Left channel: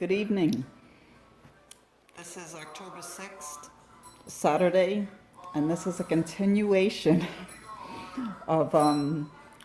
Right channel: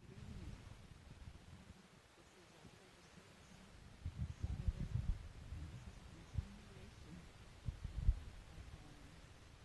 Good evening. This is October 6th, Saturday, and this is a continuation of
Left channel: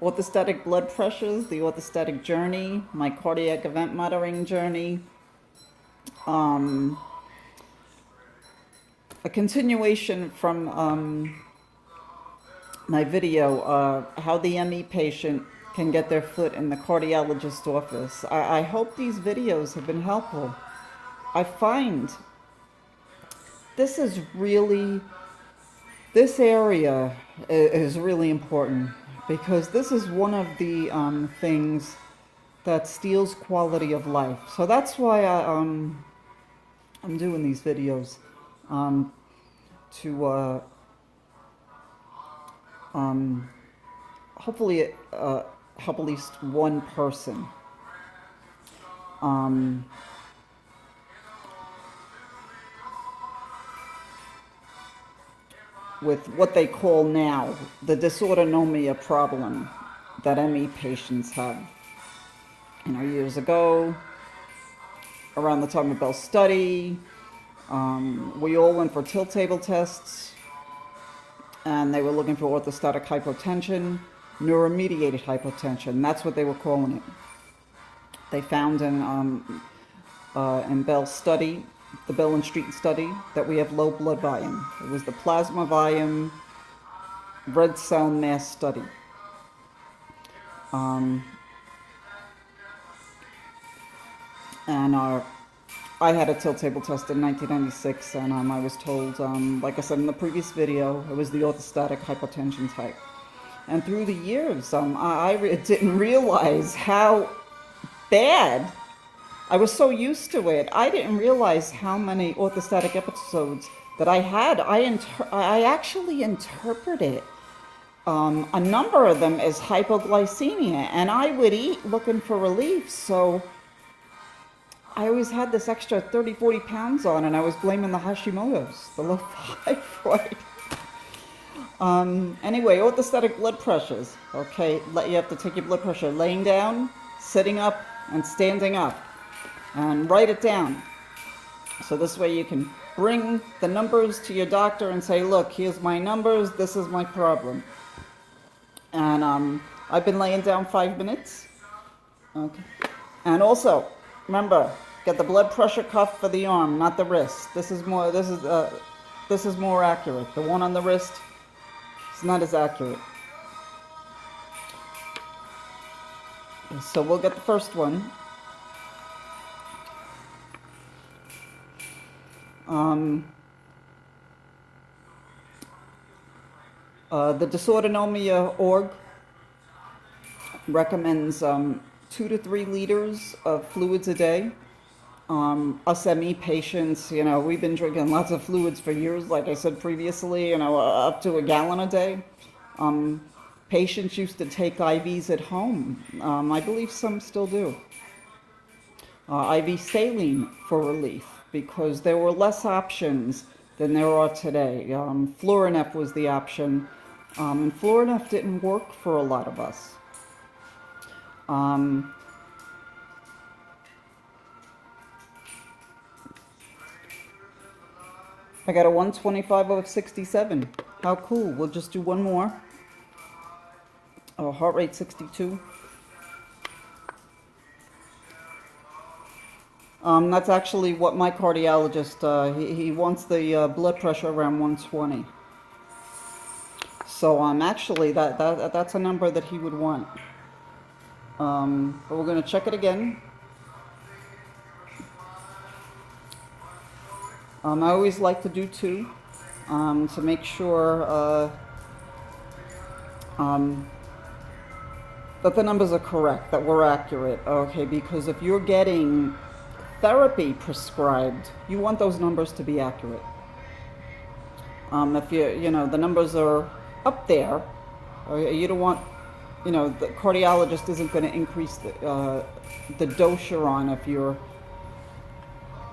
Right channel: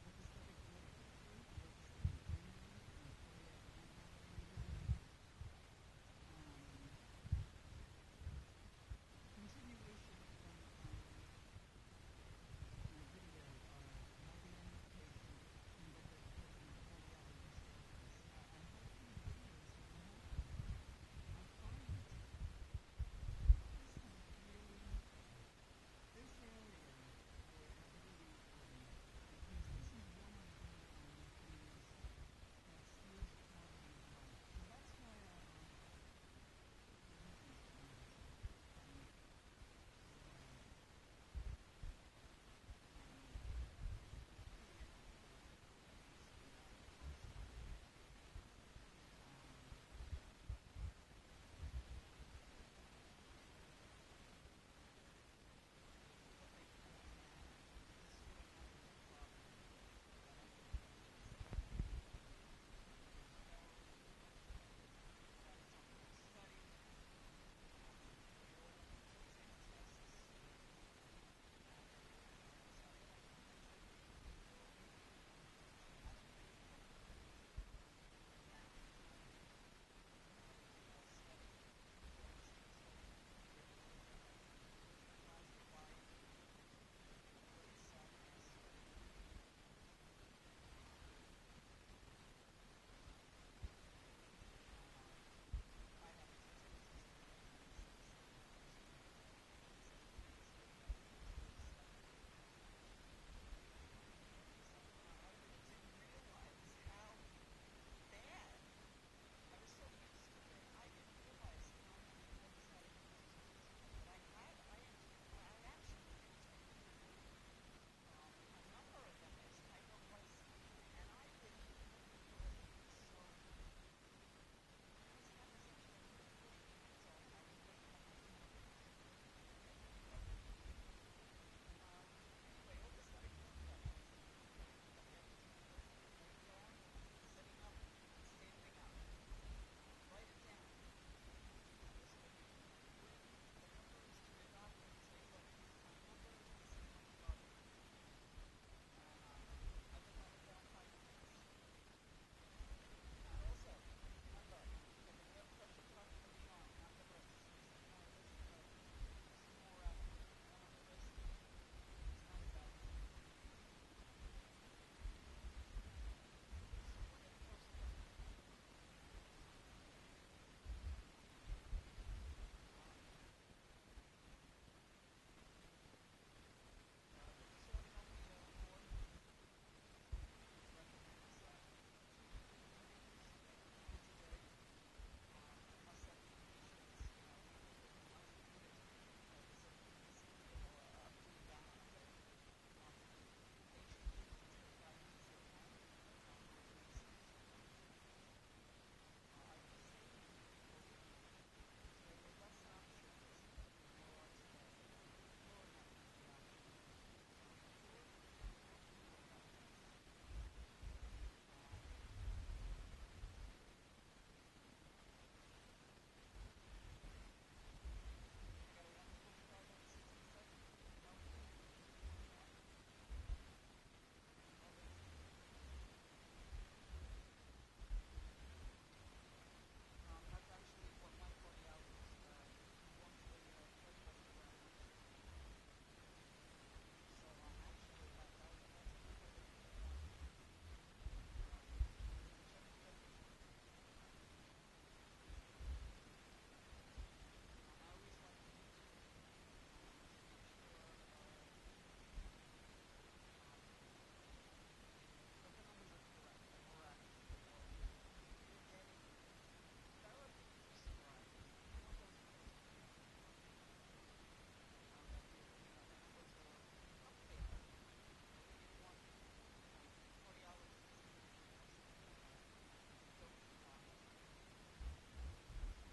orthostatic blood pressures, the orthostatic journey, my cardiac event monitoring journey, a continuation from my video, how the ME patient can get their foot in the cardiologist office. I hope these videos have been helpful. I find this area is really important because this is one of the things that steals quality of life. So that's why I'm doing these videos, to hopefully help at least one person. With what they call now the dysautonomia problem that ME patients have. Years ago, around the time of Bell's study, we all went for tilt table tests, and they were looking for orthostatic hypotension, neuromediated hypotension. That's what they were calling it. They found in Bell's study, the Bell and Street study, that we have low blood volume. It was the plasma volume red cell mass study. I had a tilt table test in 1996, and I was told, like I said in the previous video, it was the orthostatic hypotension type. And through the years, I didn't realize how bad. I was so used to it. I didn't realize how many orthostatic episodes that I had. I actually interpreted a number of them as hypoglycemia, and I would eat looking for relief. So I always had this extra 30, 40 pounds on, and I was blaming the Hashimoto's, the low thyroid. Anyway, orthostatic blood pressures. Okay, you have to take your blood pressure laying down, sitting up, and standing up. And write it down. So this way you can bring the numbers to your doctor and say, look, here's my numbers, this is my problem. And I've been laying down 5 minutes. Okay. And also, remember, get the blood pressure cuff for the arm, not the wrist. This is more accurate. The one on the wrist is not as accurate. So we'll get the first one. The Dysautonomia org recommends 2 to 3 liters of fluids a day. Us ME patients, we've been drinking lots of fluids for years, like I said previously, up to a gallon a day. Patients used to take IVs at home. I believe some still do. IV saline for relief, because there were less options than there are today. Florinef was the option, and Florinef didn't work for a lot of us. I got a 125/67. How cool. We'll just do one more. Heart rate 62. That's actually what my cardiologist, he wants the blood pressure around 120. So actually that's a number that he would want. But we're going to check it again. I always like to do 2 to make sure that the numbers are correct, that we're accurate. Okay, because if you're getting therapy prescribed, you want those numbers to be accurate. If the numbers are up there, you don't want, the cardiologist isn't going to increase the dose you're on if you're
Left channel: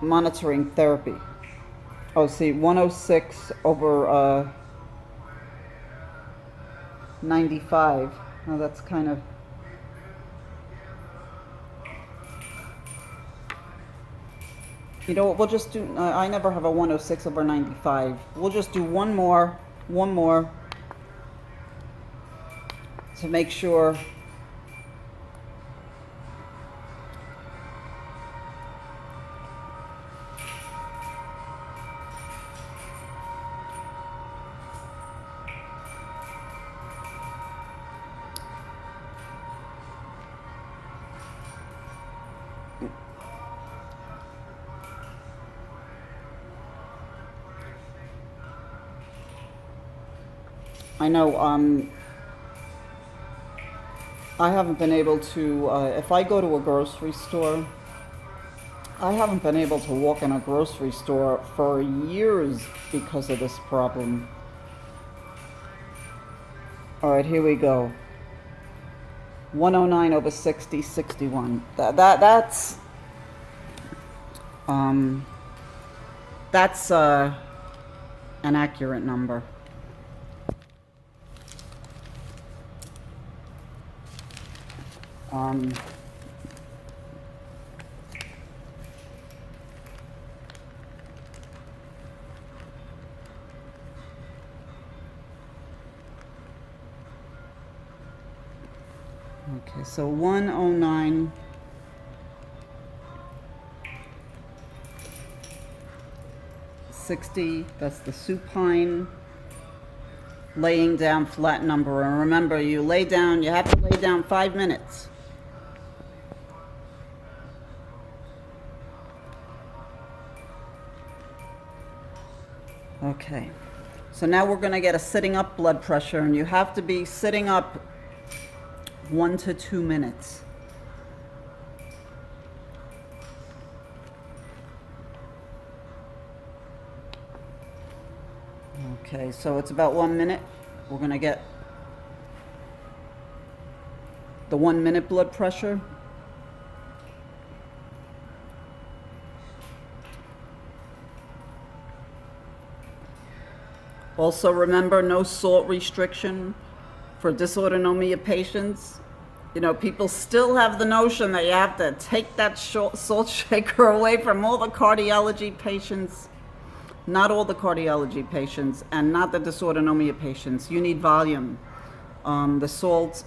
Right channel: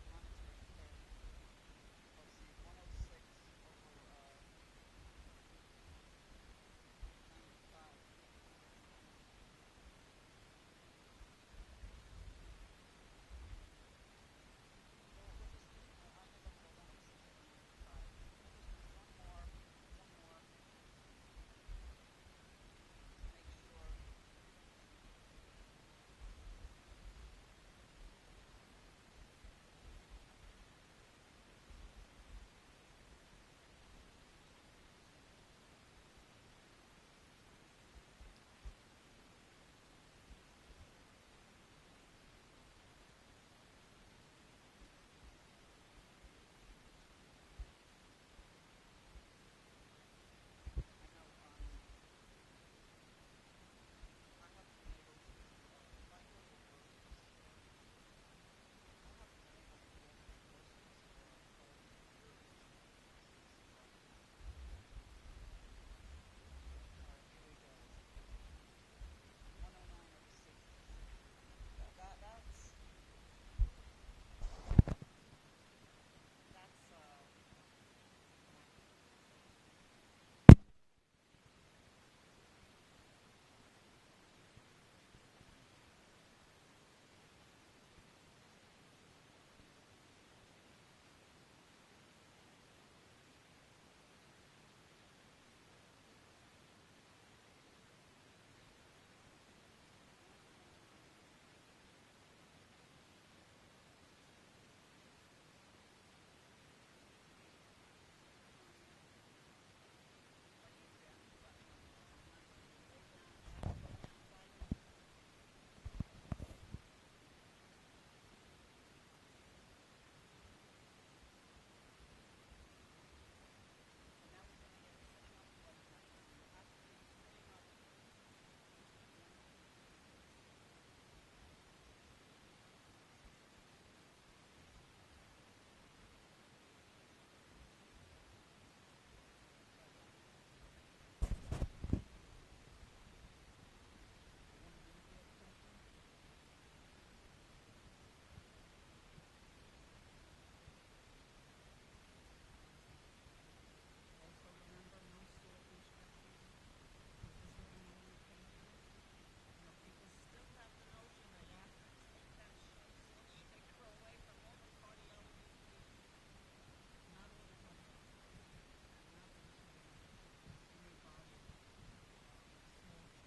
monitoring therapy. Oh, see, 106/95. Now that's kind of You know what, we'll just do, I never have a 106/95. We'll just do one more to make sure. I know, I haven't been able to, if I go to a grocery store, I haven't been able to walk in a grocery store for years because of this problem. All right, here we go. 109/60, 61. That's an accurate number. Okay, so 109. That's the supine laying down flat number. And remember, you have to lay down 5 minutes. Okay, so now we're going to get a sitting up blood pressure, and you have to be sitting up 1 to 2 minutes. Okay, so it's about 1 minute. We're going to get the 1 minute blood pressure. Also remember, no salt restriction for dysautonomia patients. You know, people still have the notion that you have to take that salt shaker away from all the cardiology patients. Not all the cardiology patients, and not the dysautonomia patients. You need volume. The salt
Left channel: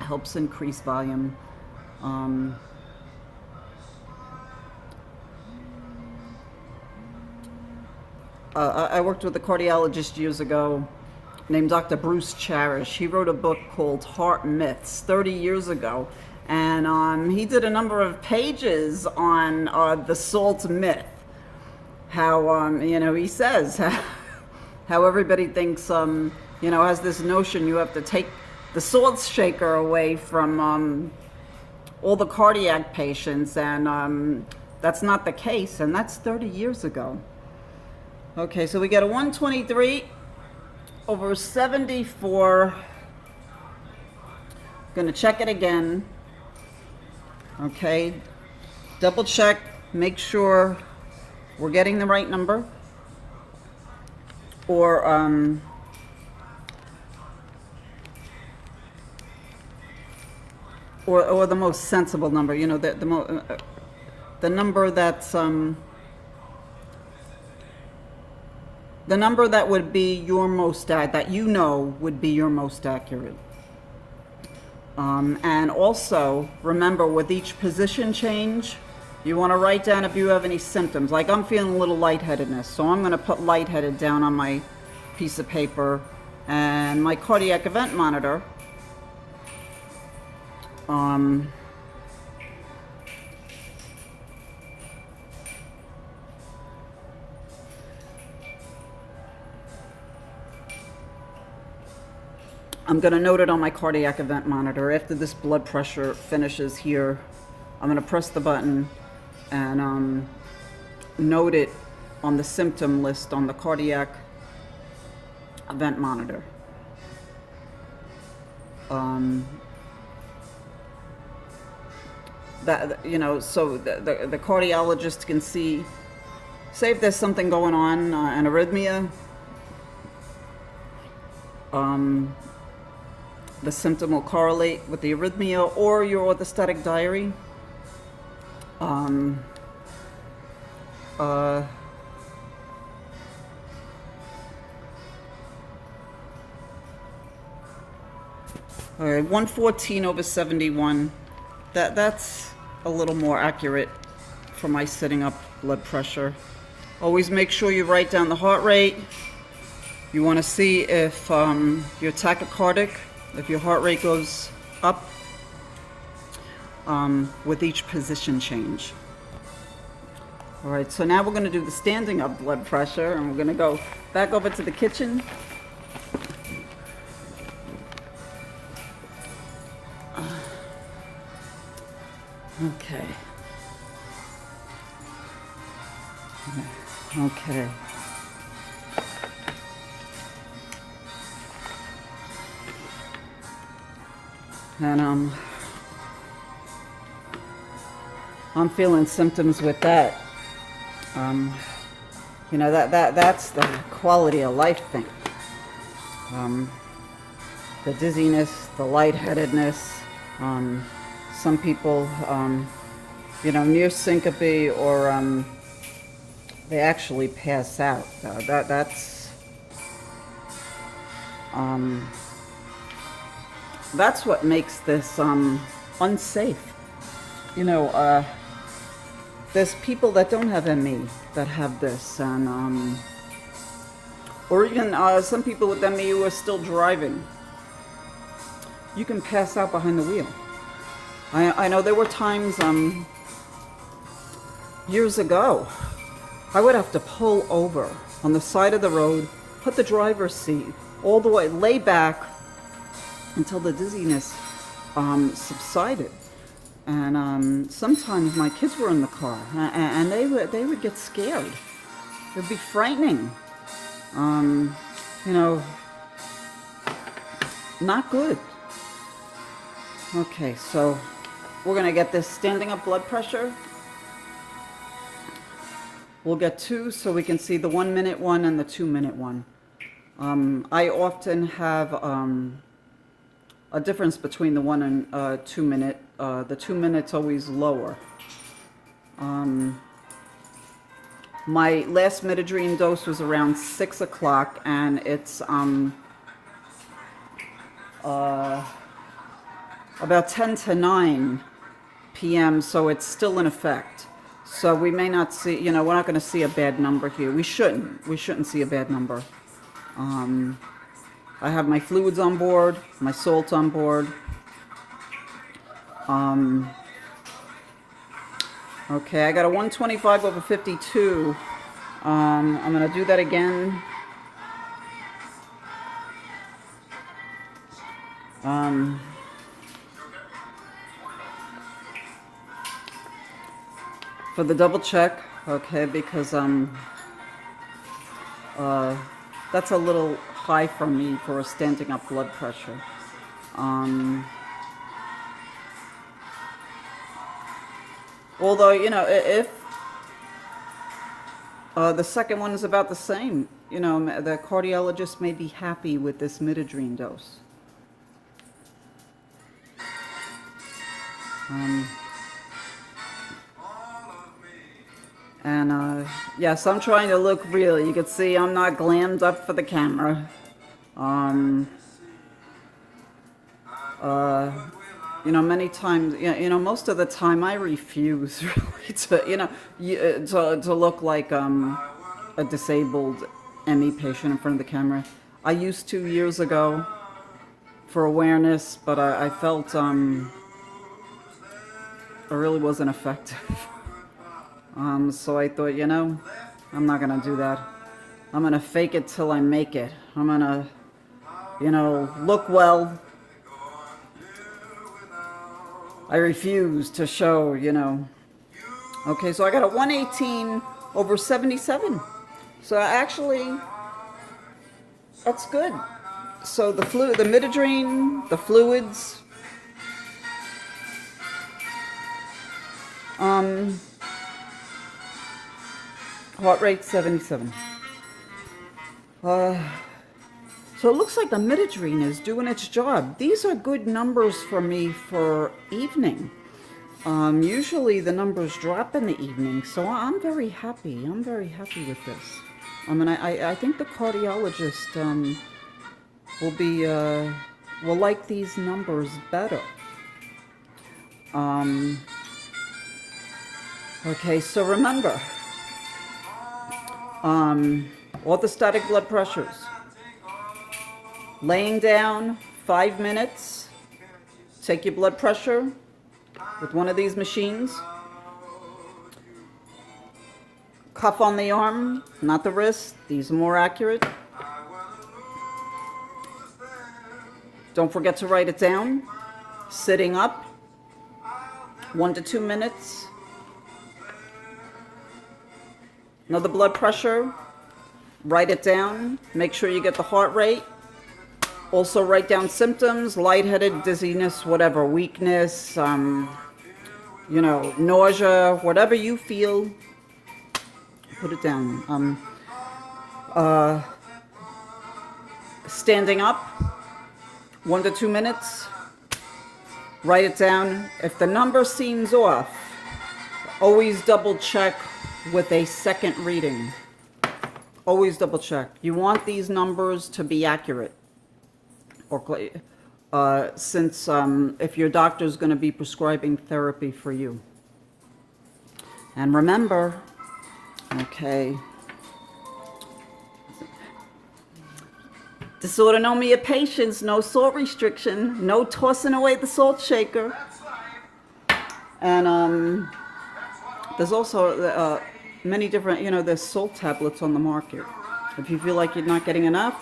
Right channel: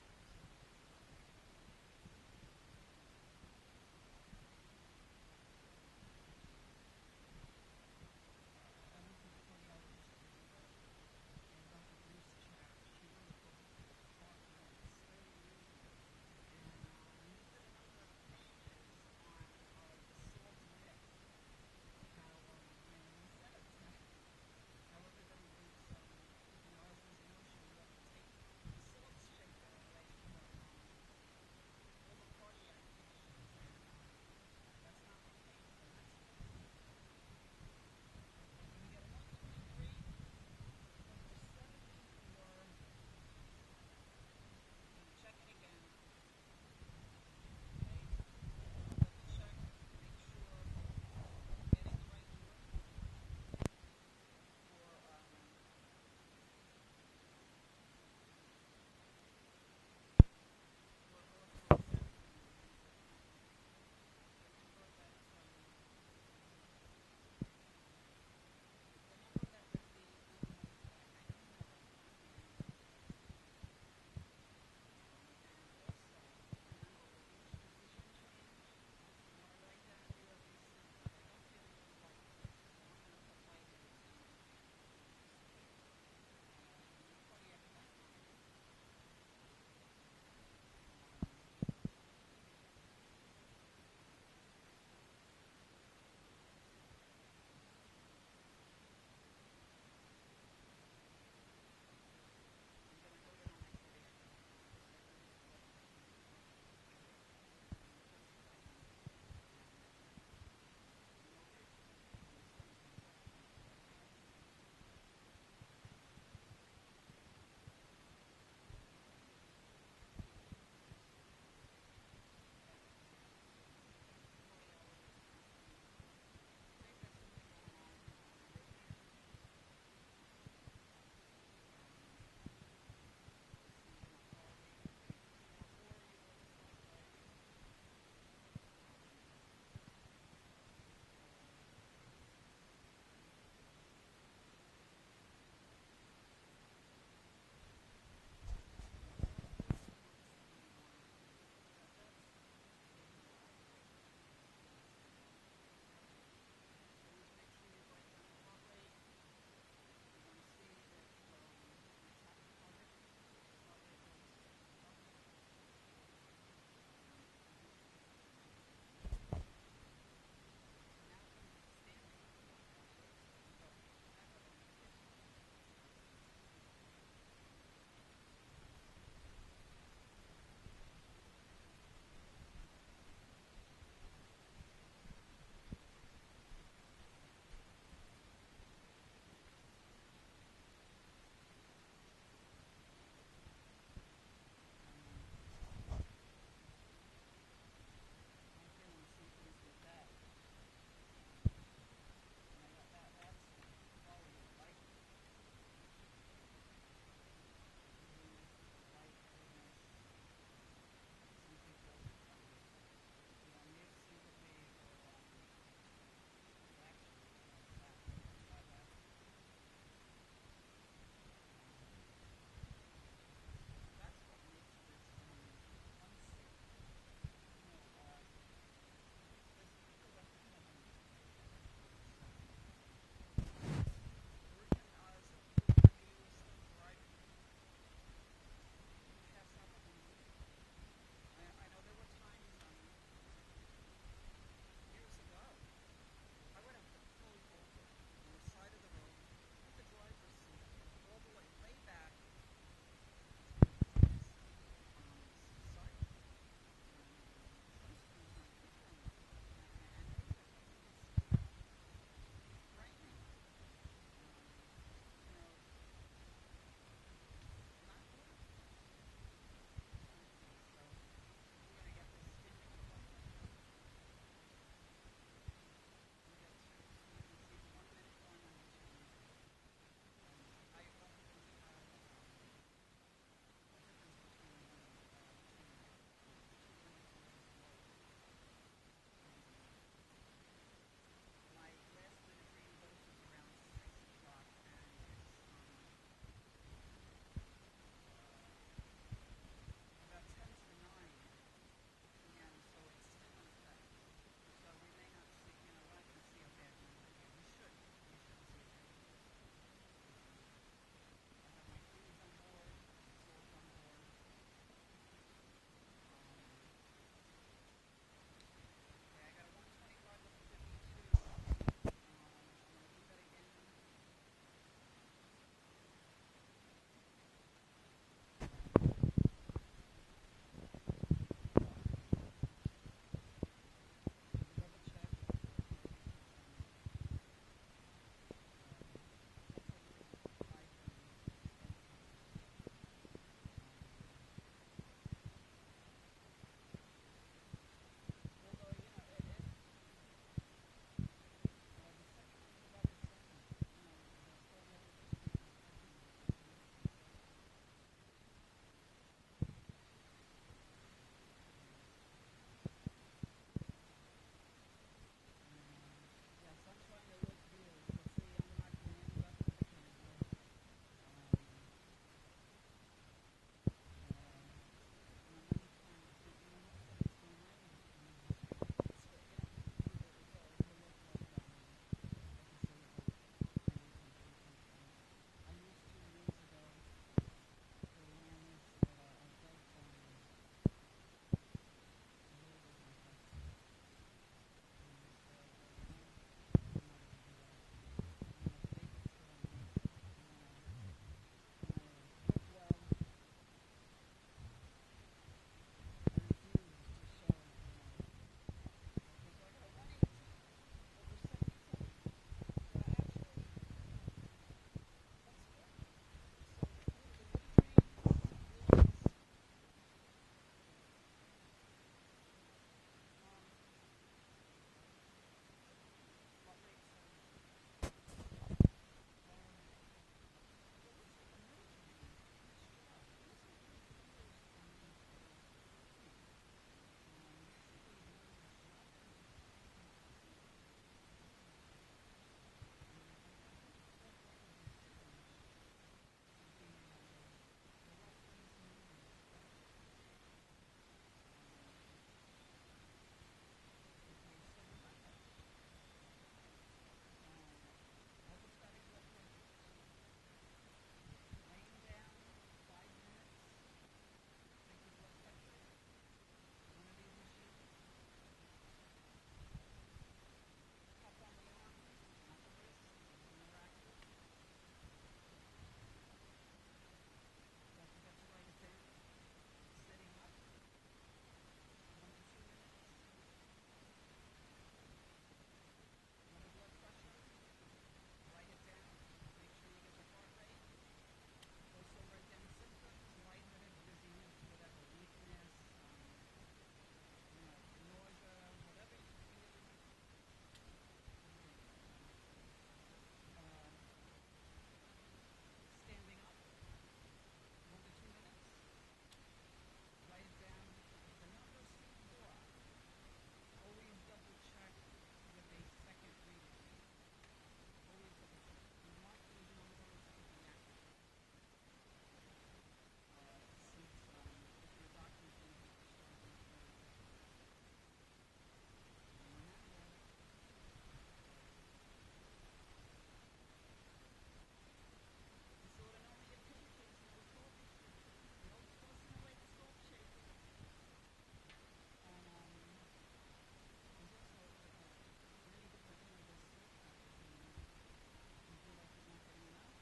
helps increase volume. I worked with a cardiologist years ago named Dr. Bruce Cherish. He wrote a book called Heart Myths 30 years ago. And he did a number of pages on the salt myth. How, he says how everybody thinks, has this notion you have to take the salt shaker away from all the cardiac patients. And that's not the case. And that's 30 years ago. Okay, so we got a 123/74. Gonna check it again. Okay, double check, make sure we're getting the right number. Or the most sensible number, the number that's the number that would be your most that would be your most accurate. And also remember, with each position change, you want to write down if you have any symptoms. Like, I'm feeling a little lightheadedness, so I'm going to put lightheaded down on my piece of paper. And my cardiac event monitor, I'm going to note it on my cardiac event monitor. After this blood pressure finishes here, I'm going to press the button and note it on the symptom list on the cardiac event monitor. So the cardiologist can say if there's something going on, an arrhythmia. The symptom will correlate with the arrhythmia or your orthostatic diary. All right, 114/71. That's a little more accurate for my sitting up blood pressure. Always make sure you write down the heart rate. You want to see if you're tachycardic, if your heart rate goes up with each position change. All right, so now we're going to do the standing up blood pressure, and we're going to go back over to the kitchen. Okay. Okay. And I'm feeling symptoms with that. You know, that's the quality of life thing. The dizziness, the lightheadedness. Some people, you know, near syncope, or they actually pass out. That's what makes this unsafe. You know, there's people that don't have ME that have this, and or even some people with ME who are still driving. You can pass out behind the wheel. I know there were times years ago, I would have to pull over on the side of the road, put the driver's seat all the way, lay back until the dizziness subsided. And sometimes my kids were in the car, and they would get scared. It would be frightening. You know, not good. Okay, so we're gonna get this standing up blood pressure. We'll get two so we can see the 1 minute one and the 2 minute one. I often have a difference between the 1 and 2 minute. The 2 minutes always lower. My last midodrine dose was around 6 o'clock, and it's about 10 to 9 p.m., so it's still in effect. So we may not see, you know, we're not going to see a bad number here. We shouldn't see a bad number. I have my fluids on board, my salt on board. Okay, I got a 125/52. I'm going to do that again. For the double check, okay, because that's a little high for me for a standing up blood pressure. Although, you know, if the second one is about the same, you know, the cardiologist may be happy with this midodrine dose. And yes, I'm trying to look real. You can see I'm not glammed up for the camera. You know, many times, you know, most of the time I refuse really to, you know, to look like a disabled ME patient in front of the camera. I used to years ago for awareness, but I felt it really wasn't effective. So I thought, you know, I'm not gonna do that. I'm gonna fake it till I make it. I'm gonna, you know, look well. I refuse to show, you know. Okay, so I got a 118/77. So actually, that's good. So the midodrine, the fluids, heart rate 77. So it looks like the midodrine is doing its job. These are good numbers for me for evening. Usually the numbers drop in the evening, so I'm very happy. I'm very happy with this. And I think the cardiologist will like these numbers better. Okay, so remember, orthostatic blood pressures. Laying down 5 minutes, take your blood pressure with one of these machines. Cuff on the arm, not the wrist. These are more accurate. Don't forget to write it down. Sitting up, 1 to 2 minutes. Another blood pressure, write it down. Make sure you get the heart rate. Also write down symptoms, lightheaded, dizziness, whatever, weakness, nausea, whatever you feel, put it down. Standing up, 1 to 2 minutes, write it down. If the number seems off, always double check with a second reading. Always double check. You want these numbers to be accurate. Or since if your doctor is going to be prescribing therapy for you. And remember, okay, dysautonomia patients, no salt restriction, no tossing away the salt shaker. And there's also many different, there's salt tablets on the market. If you feel like you're not getting enough,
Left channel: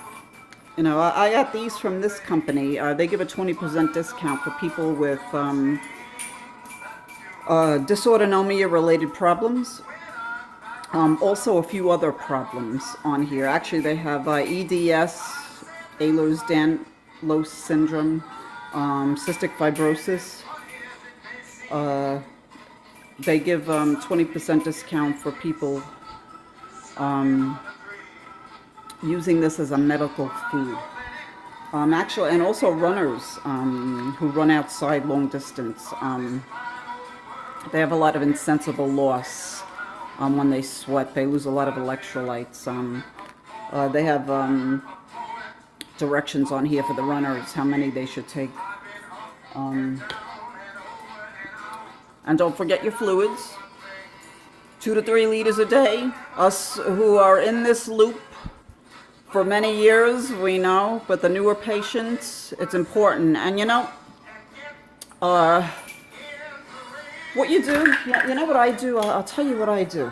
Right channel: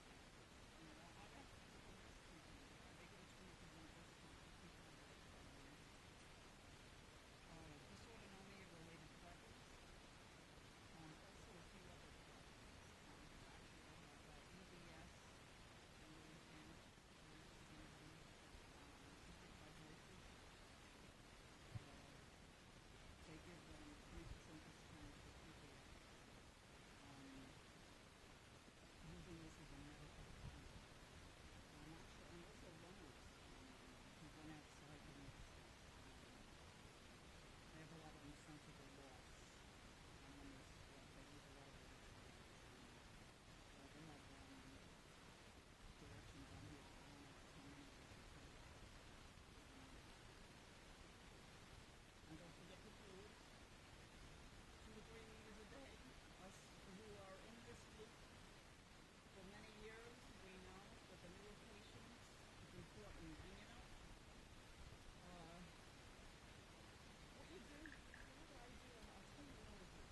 I got these from this company. They give a 20% discount for people with dysautonomia related problems. Also a few other problems on here. Actually, they have EDS, Ehlers-Danlos syndrome, cystic fibrosis. They give 20% discount for people using this as a medical food. Actually, and also runners who run outside long distance. They have a lot of insensible loss when they sweat. They lose a lot of electrolytes. They have directions on here for the runners, how many they should take. And don't forget your fluids. 2 to 3 liters a day. Us who are in this loop for many years, we know, but the newer patients, it's important. And what you do, you know what I do? I'll tell you what I do.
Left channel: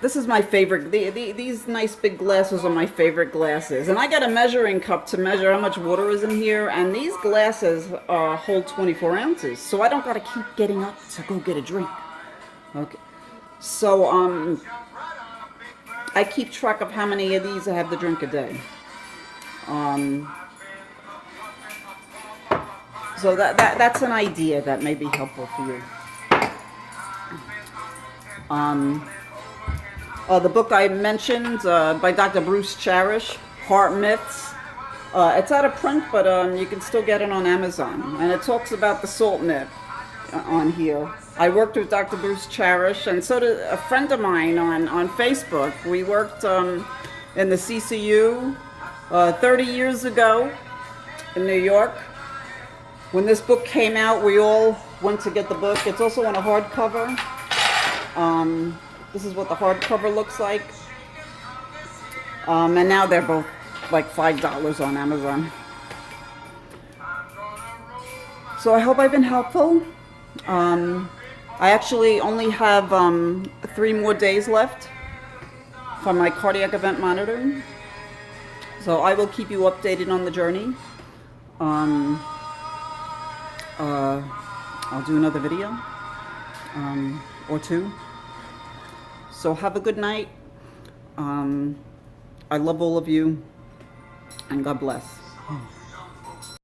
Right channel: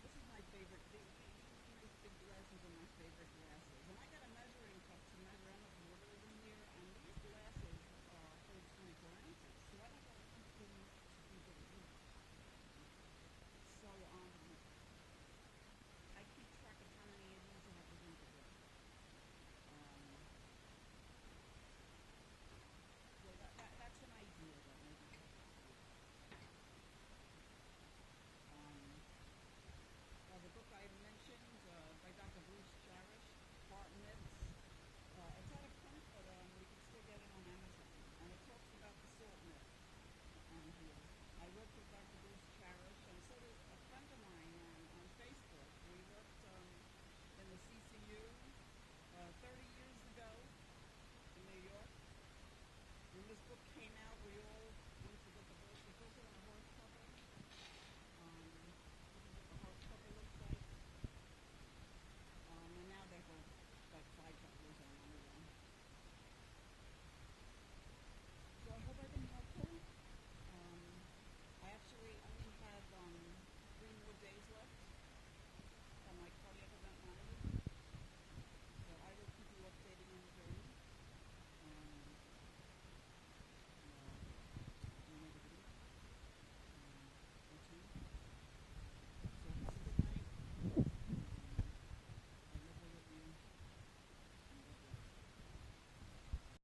This is my favorite. These nice big glasses are my favorite glasses. And I got a measuring cup to measure how much water is in here. And these glasses hold 24 ounces. So I don't got to keep getting up to go get a drink. Okay. So, I keep track of how many of these I have to drink a day. So that's an idea that may be helpful for you. The book I mentioned by Dr. Bruce Cherish, Heart Myths. It's out of print, but you can still get it on Amazon. And it talks about the salt myth on here. I worked with Dr. Bruce Cherish, and so did a friend of mine on Facebook. We worked in the CCU 30 years ago in New York. When this book came out, we all went to get the book. It's also on a hardcover. This is what the hardcover looks like. And now they're both like $5 on Amazon. So I hope I've been helpful. I actually only have 3 more days left for my cardiac event monitoring. So I will keep you updated on the journey. I'll do another video or 2. So have a good night. I love all of you, and God bless.